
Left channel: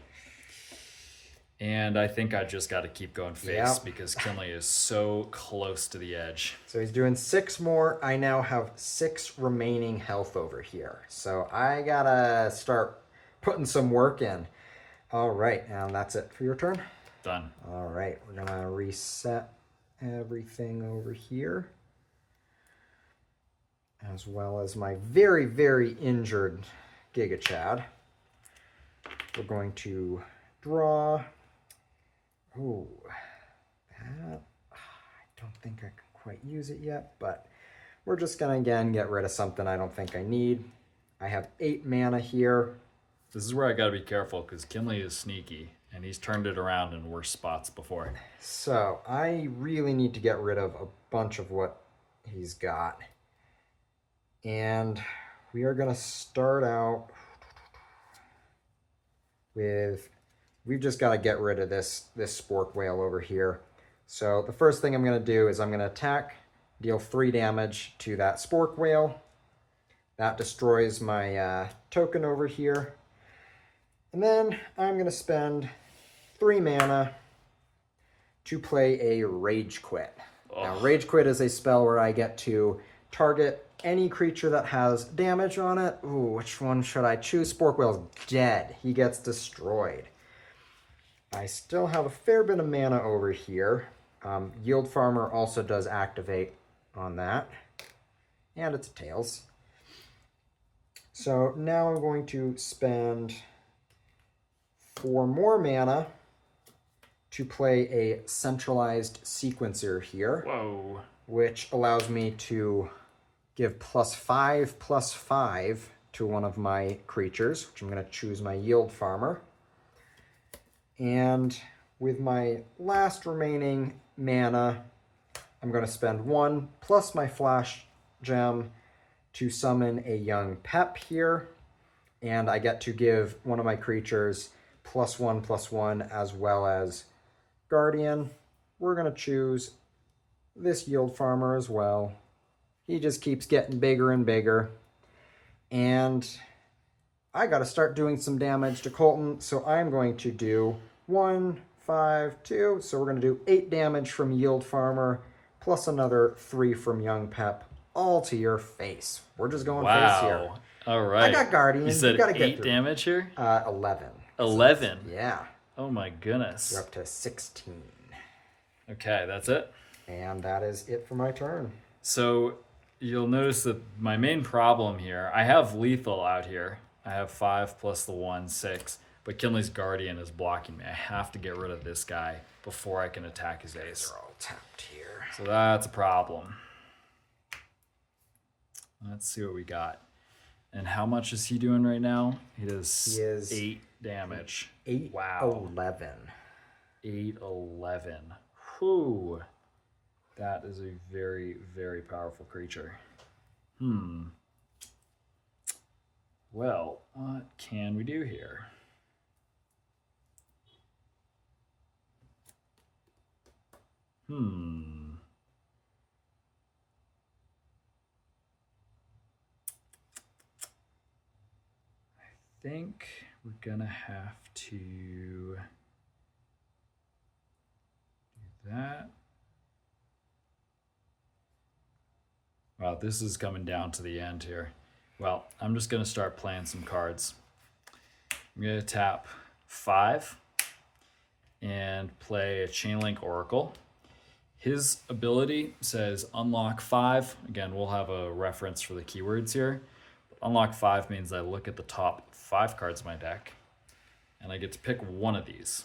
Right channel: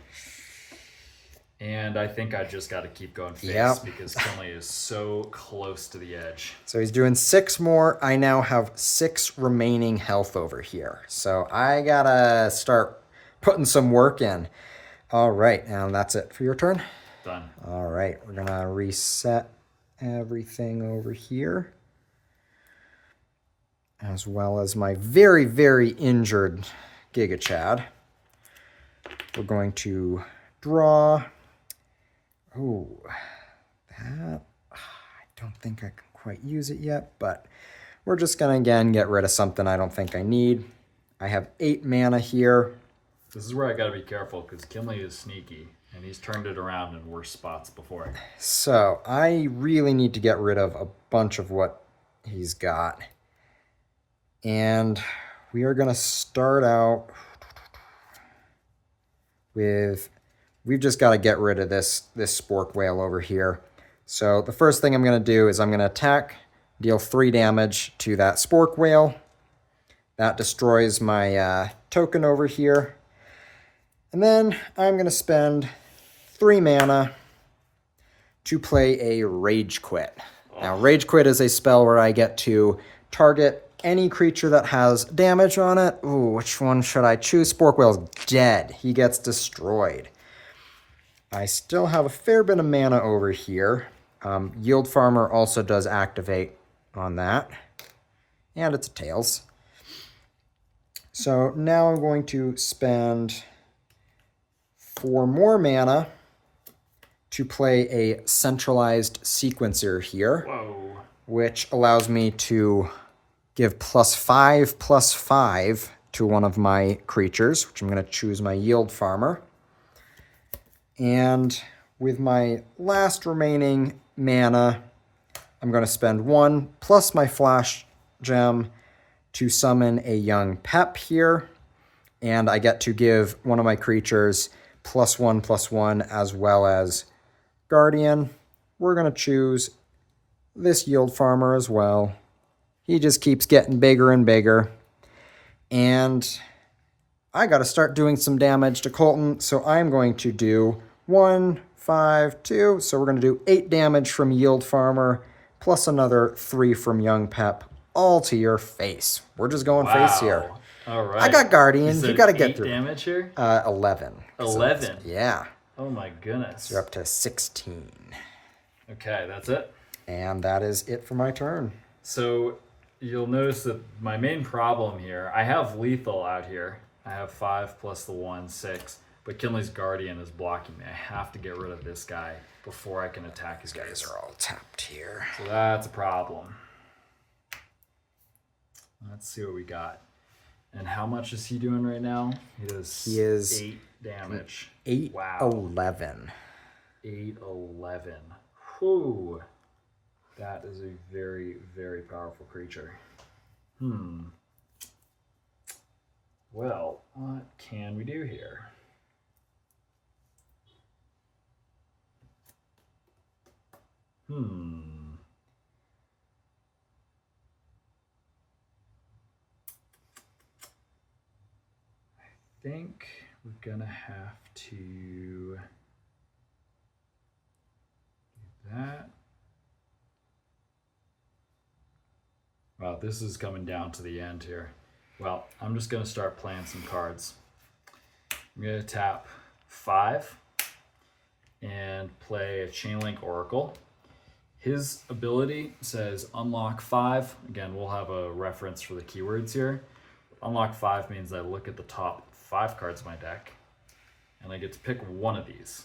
And I think I just got to keep going face because Kinley is so close to the edge. So he's doing 6 more. I now have 6 remaining health over here. So I got to start putting some work in. All right, now that's it for your turn. Done. All right, we're going to reset everything over here, as well as my very, very injured Giga Chad. We're going to draw. Oh, that, I don't think I can quite use it yet, but we're just going to, again, get rid of something I don't think I need. I have 8 mana here. This is where I got to be careful because Kinley is sneaky and he's turned it around in worse spots before. So I really need to get rid of a bunch of what he's got. And we are going to start out with, we've just got to get rid of this spork whale over here. So the first thing I'm going to do is I'm going to attack, deal 3 damage to that spork whale. That destroys my token over here. And then I'm going to spend 3 mana to play a Rage Quit. Now, Rage Quit is a spell where I get to target any creature that has damage on it. Ooh, which one should I choose? Spork Whale's dead. He gets destroyed. I still have a fair bit of mana over here. Yield Farmer also does activate on that. And it's a Tails. So now I'm going to spend 4 more mana to play a centralized sequencer here. Whoa. Which allows me to give +5/+5 to one of my creatures, which I'm going to choose my Yield Farmer. And with my last remaining mana, I'm going to spend 1 plus my Flash Gem to summon a young Pep here. And I get to give one of my creatures +1/+1 as well as Guardian. We're going to choose this Yield Farmer as well. He just keeps getting bigger and bigger. And I got to start doing some damage to Colton, so I'm going to do 1, 5, 2. So we're going to do 8 damage from Yield Farmer, plus another 3 from Young Pep, all to your face. We're just going face here. All right. I got Guardian. You got to get through. 8 damage here? 11. 11? Yeah. Oh my goodness. So you're up to 16. Okay, that's it. And that is it for my turn. So you'll notice that my main problem here, I have lethal out here. I have 5 plus the 1, 6. But Kinley's Guardian is blocking me. I have to get rid of this guy before I can attack his guys. These are all tapped here. So that's a problem. Let's see what we got. And how much is he doing right now? He is 8 damage. 8, wow. 11. 8, 11. Whew. That is a very, very powerful creature. Well, what can we do here? I think we're gonna have to do that. Wow, this is coming down to the end here. Well, I'm just gonna start playing some cards. I'm gonna tap 5 and play a Chainlink Oracle. His ability says unlock 5. Again, we'll have a reference for the keywords here. Unlock 5 means I look at the top 5 cards of my deck and I get to pick one of these.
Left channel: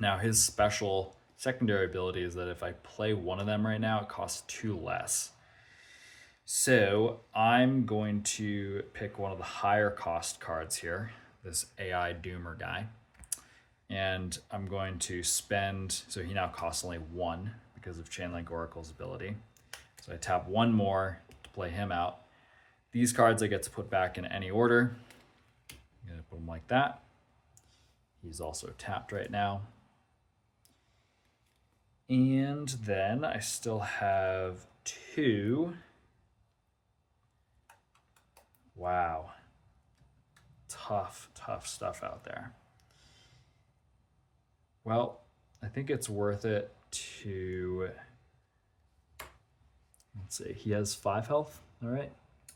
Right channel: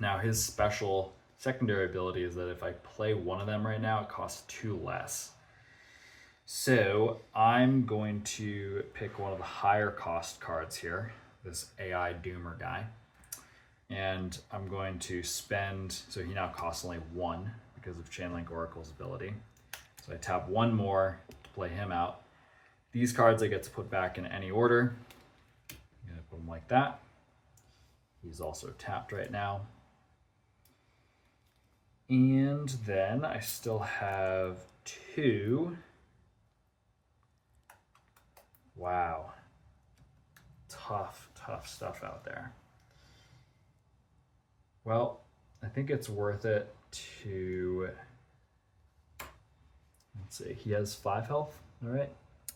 Now his special secondary ability is that if I play one of them right now, it costs 2 less. So I'm going to pick one of the higher cost cards here, this AI Doomer guy. And I'm going to spend, so he now costs only 1 because of Chainlink Oracle's ability. So I tap 1 more to play him out. These cards I get to put back in any order. I'm gonna put him like that. He's also tapped right now. And then I still have 2. Wow. Tough stuff out there. Well, I think it's worth it to, let's see, he has 5 health, all right?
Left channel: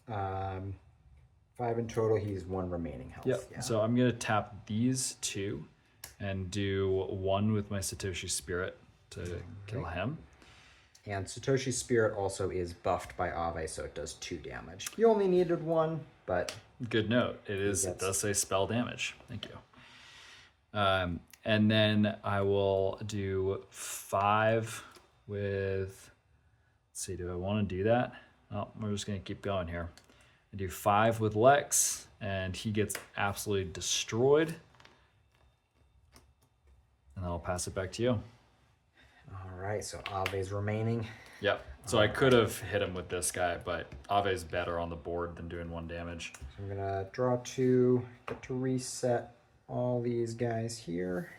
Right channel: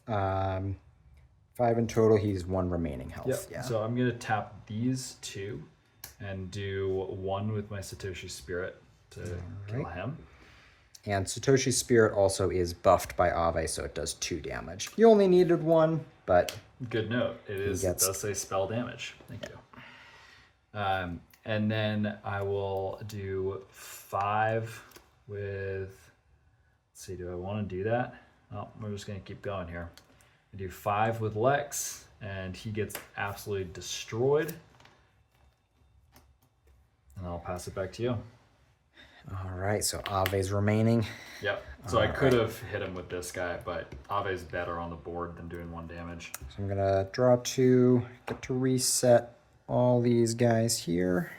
5 in total, he's 1 remaining health. Yep. Yeah. So I'm gonna tap these 2 and do 1 with my Satoshi Spirit to kill him. And Satoshi's Spirit also is buffed by Ave, so it does 2 damage. You only needed 1, but... Good note. It does say spell damage. Thank you. And then I will do 5 with... Let's see, do I want to do that? Well, we're just going to keep going here. I do 5 with Lex, and he gets absolutely destroyed. And I'll pass it back to you. All right, so Ave's remaining. Yep. So I could have hit him with this guy, but Ave's better on the board than doing 1 damage. So I'm gonna draw 2, get to reset all these guys here.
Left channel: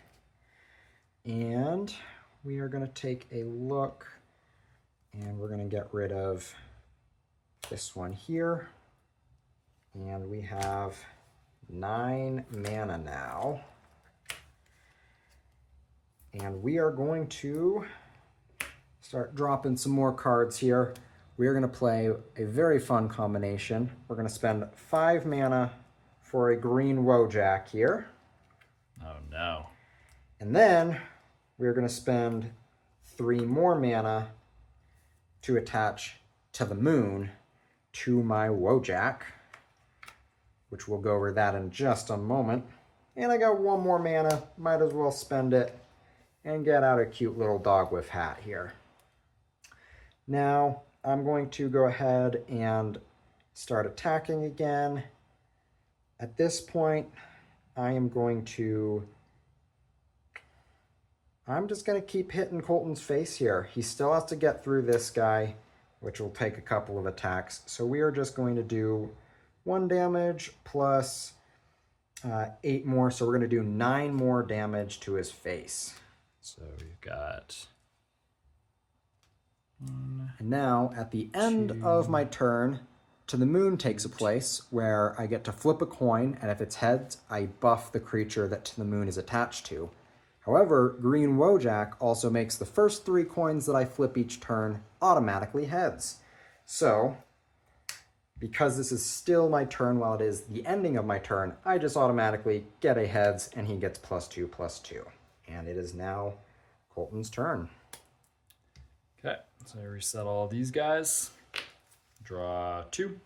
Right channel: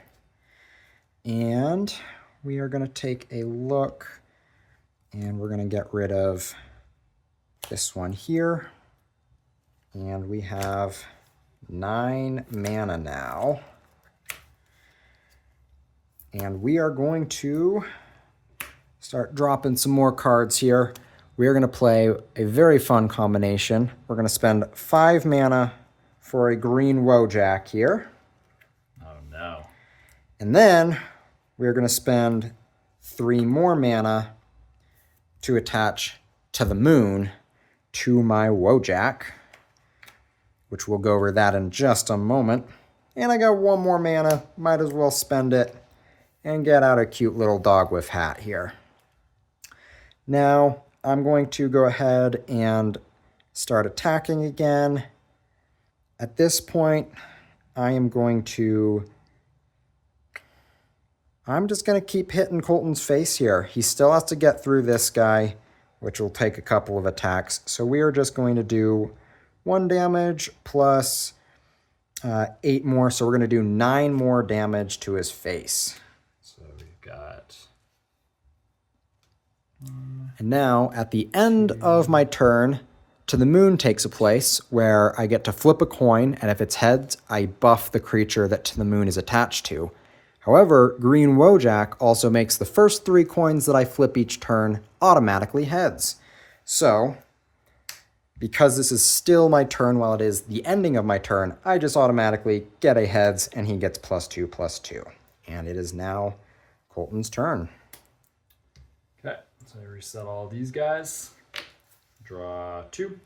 And we are gonna take a look, and we're gonna get rid of this one here. And we have 9 mana now. And we are going to start dropping some more cards here. We are going to play a very fun combination. We're going to spend 5 mana for a green Wojak here. Oh no. And then we're going to spend 3 more mana to attach to the moon to my Wojak, which we'll go over that in just a moment. And I got 1 more mana, might as well spend it and get out a cute little dog with hat here. Now, I'm going to go ahead and start attacking again. At this point, I'm just going to keep hitting Colton's face here. He still has to get through this guy, which will take a couple of attacks. So we are just going to do 1 damage plus 8 more. So we're going to do 9 more damage to his face. So we've got... And now, at the end of my turn, To the Moon takes a place where I get to flip a coin, and if it's heads, I buff the creature that To the Moon is attached to. However, Green Wojak also makes the first 3 coins that I flip each turn automatically heads. So, because this is still my turn while it is the ending of my turn, I just automatically get a heads, and he gets +2/+2. And it is now Colton's turn. Okay, so I reset all these guys. Draw 2.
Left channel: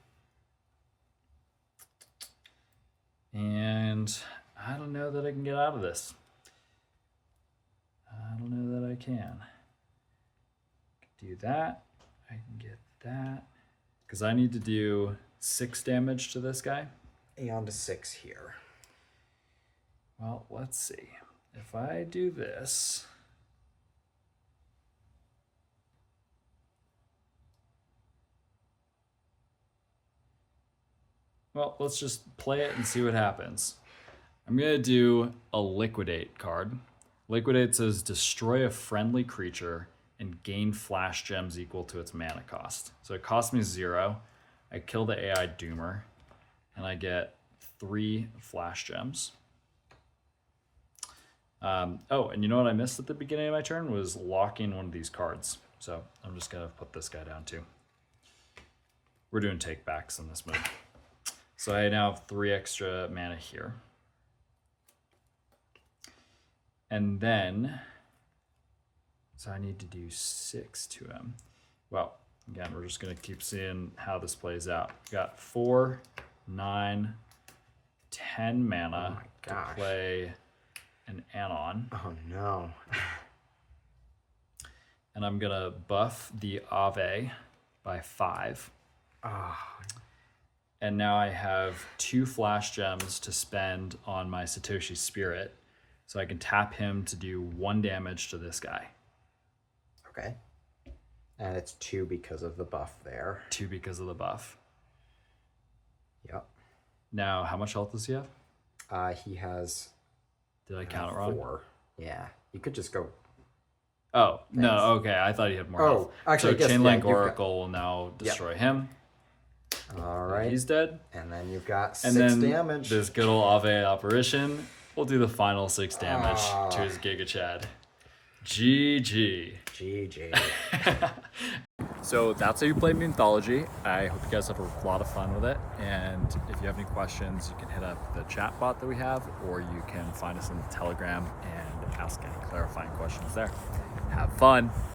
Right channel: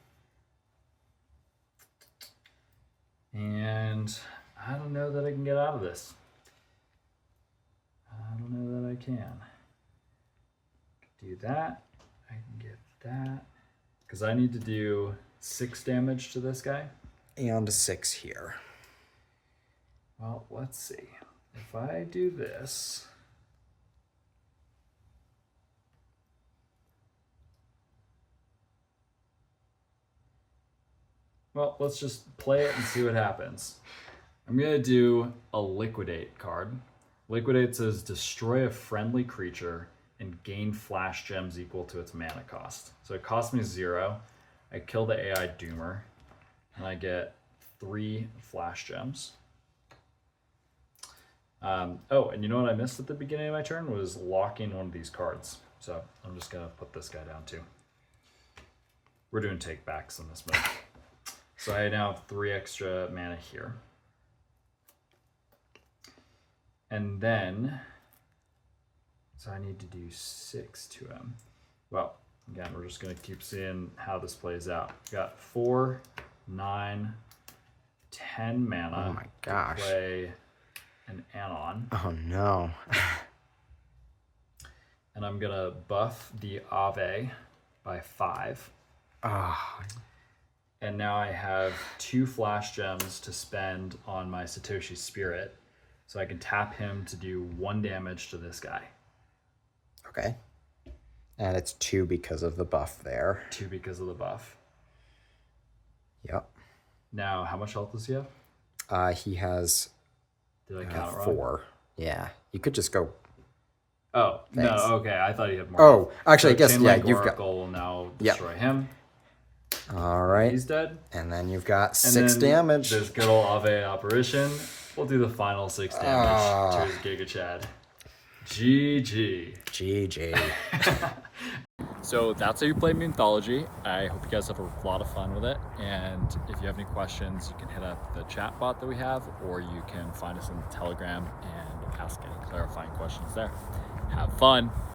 And I don't know that I can get out of this. I don't know that I can. Do that. I can get that. Because I need to do 6 damage to this guy. And 6 here. Well, let's see. If I do this... Well, let's just play it and see what happens. I'm going to do a Liquidate card. Liquidate says destroy a friendly creature and gain flash gems equal to its mana cost. So it costs me 0. I kill the AI Doomer, and I get 3 flash gems. Oh, and you know what I missed at the beginning of my turn was locking one of these cards. So I'm just going to put this guy down too. We're doing take backs in this mode. So I now have 3 extra mana here. And then, so I need to do 6 to him. Well, again, we're just going to keep seeing how this plays out. We got 4, 9, 10 mana Oh my gosh. to play an Anon. Oh no. And I'm going to buff the Ave by 5. Ah. And now I have 2 flash gems to spend on my Satoshi Spirit. So I can tap him to do 1 damage to this guy. Okay. And it's 2 because of the buff there. 2 because of the buff. Yep. Now, how much health does he have? He has Did I count it wrong? 4. Yeah. You could just go. Oh, Thanks. no, okay. I thought he had more Oh, health. actually, So I guess, Chain yeah, Link you've Oracle will now destroy him. All right. He's dead. And then you've got And 6 then damage. This good old Ave apparition. We'll do the final 6 damage to his Giga Chad. GG. GG. So that's how you play Mythology. I hope you guys have a lot of fun with it. And if you have any questions, you can hit up the chat bot that we have, or you can find us in the Telegram and ask any clarifying questions there. Have fun.